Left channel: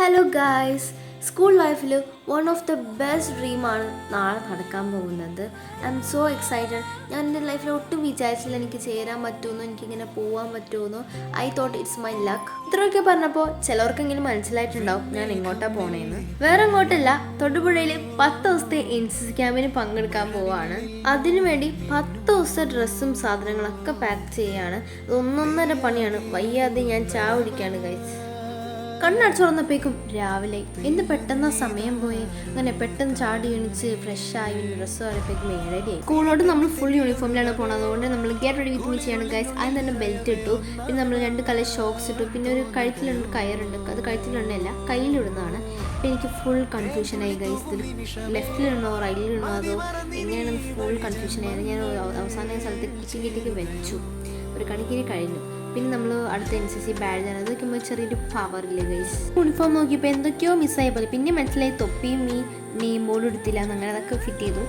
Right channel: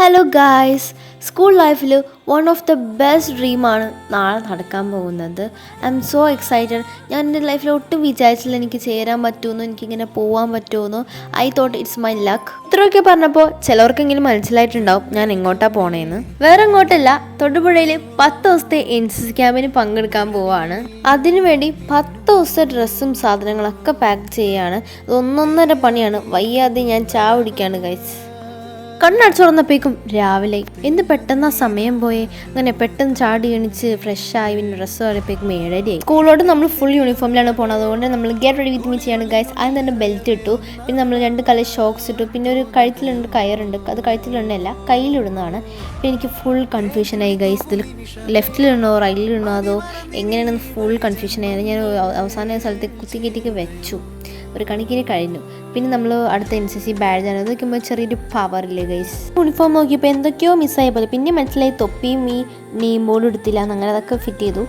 Hello guys, school ലൈഫിൽ one of the best ഡ്രീമാണ് നാളെ നടക്കാൻ പോകുന്നത്. I M so excited. ഞാൻ എൻ്റെ ലൈഫിൽ ഒട്ടും വിചാരിച്ചില്ല എനിക്ക് ചേരാൻ പറ്റുമെന്നോ എനിക്കിങ്ങനെ പോകാൻ പറ്റുമെന്നോ. I thought it's my luck. ഇത്രയൊക്കെ പറഞ്ഞപ്പോൾ ചിലവർക്കെങ്കിലും മനസ്സിലായിട്ടുണ്ടാവും ഞാൻ എങ്ങോട്ടാണ് പോണേന്ന്. വേറെ എങ്ങോട്ടല്ല, തൊടുപുഴയിൽ 10 ദിവസത്തെ NCC ക്യാമ്പിന് പങ്കെടുക്കാൻ പോവാണ്. അതിനുവേണ്ടി 10 ദിവസത്തെ ഡ്രസ്സും സാധനങ്ങളൊക്കെ പാക്ക് ചെയ്യുകയാണ്. ഒന്നൊന്നര പണിയാണ്. വയ്യാതെ ഞാൻ ചായ കുടിക്കാണ് ഗൈസ്. കണ്ണടച്ചു തുറന്നപ്പോഴേക്കും രാവിലെ എന്ത് പെട്ടെന്ന് ആ സമയം പോയി. അങ്ങനെ പെട്ടെന്ന് ചാടി എണിച്ച് ഫ്രഷായി പിന്നെ ഡ്രസ്സ് കയറിയപ്പോഴേക്കും 7:30 സ്കൂളോട്ട് നമ്മൾ ഫുൾ യൂണിഫോമിലാണ് പോകുന്നത്. അതുകൊണ്ട് നമ്മൾ ഗെറ്റ് റെഡി വിത്ത് മീ ചെയ്യാണ് ഗൈസ്. അതിന് തന്നെ ബെൽറ്റ് ഇട്ടു, പിന്നെ നമ്മൾ 2 കളർ ഷോക്സ് ഇട്ടു, പിന്നെ ഒരു കഴുത്തിലുണ്ട് കയറുണ്ട്, അത് കഴുത്തിലുണ്ടല്ല കയ്യിലിടുന്നതാണ്. പിന്നെ എനിക്ക് ഫുൾ കൺഫ്യൂഷനായി ഗൈസ്, ഇതിൽ ലെഫ്റ്റിലിടണോ റൈറ്റിലിടണോ അതോ എങ്ങനെയാണെന്ന് ഫുൾ കൺഫ്യൂഷനായിരുന്നു. ഞാൻ അവസാന സ്ഥലത്ത് കുത്തിക്കെറ്റിക്ക് വെച്ചു, ഒരു കണക്കിന് കഴിഞ്ഞു. പിന്നെ നമ്മൾ അടുത്ത NCC ബാഡ്ജാണ്. അത് വയ്ക്കുമ്പോൾ ചെറിയൊരു പവറില്ലേ ഗൈസ്. യൂണിഫോം നോക്കിയപ്പോൾ എന്തൊക്കെയോ മിസ്സായ പോലെ. പിന്നെ മനസ്സിലായി തൊപ്പിയും ഈ നെയിം ബോർഡും എടുത്തില്ല, അങ്ങനെ അതൊക്കെ ഫിറ്റ് ചെയ്തു.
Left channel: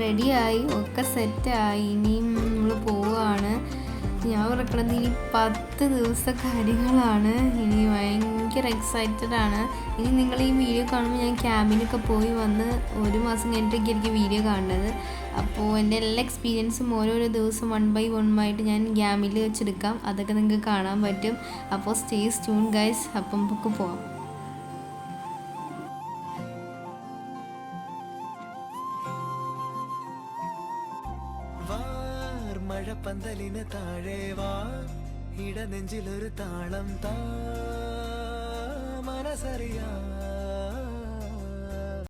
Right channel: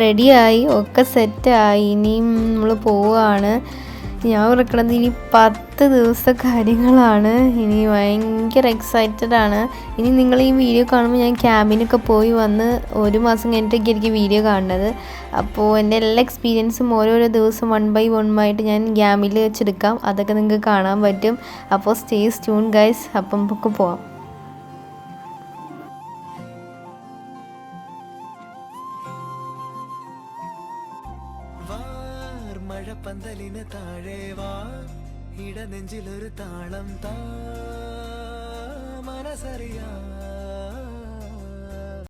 റെഡിയായി, ഒക്കെ സെറ്റായി. ഇനിയും നമ്മൾ പോവുകയാണ്. ഞാൻ ഓർക്കണത് ഇനി 10 ദിവസത്തെ കാര്യങ്ങളാണ്. ഇനി ഭയങ്കര എക്സൈറ്റഡ് ആണ്. ഇനി നിങ്ങൾ ഈ വീഡിയോ കാണുമ്പോൾ ഞാൻ ക്യാമ്പിനൊക്കെ പോയി വന്ന് 1 മാസം കഴിഞ്ഞിട്ടൊക്കെ എനിക്ക് വീഡിയോ കാണുന്നത്. അപ്പോൾ എൻ്റെ എല്ലാ എക്സ്പീരിയൻസും ഓരോരോ ദിവസം 1 by 1 ആയിട്ട് ഞാൻ ക്യാമ്പിൽ വെച്ചെടുക്കാം. അതൊക്കെ നിങ്ങൾക്ക് കാണാൻ പറ്റും. അപ്പോൾ സ്റ്റേ ട്യൂൺ ഗൈസ്. അപ്പം നമുക്ക് പോവാം. മഴപ്പന്തലിന് താഴെ വാ, ഇടനെഞ്ചിലൊരു താളം താ, മനസ്സറിയാ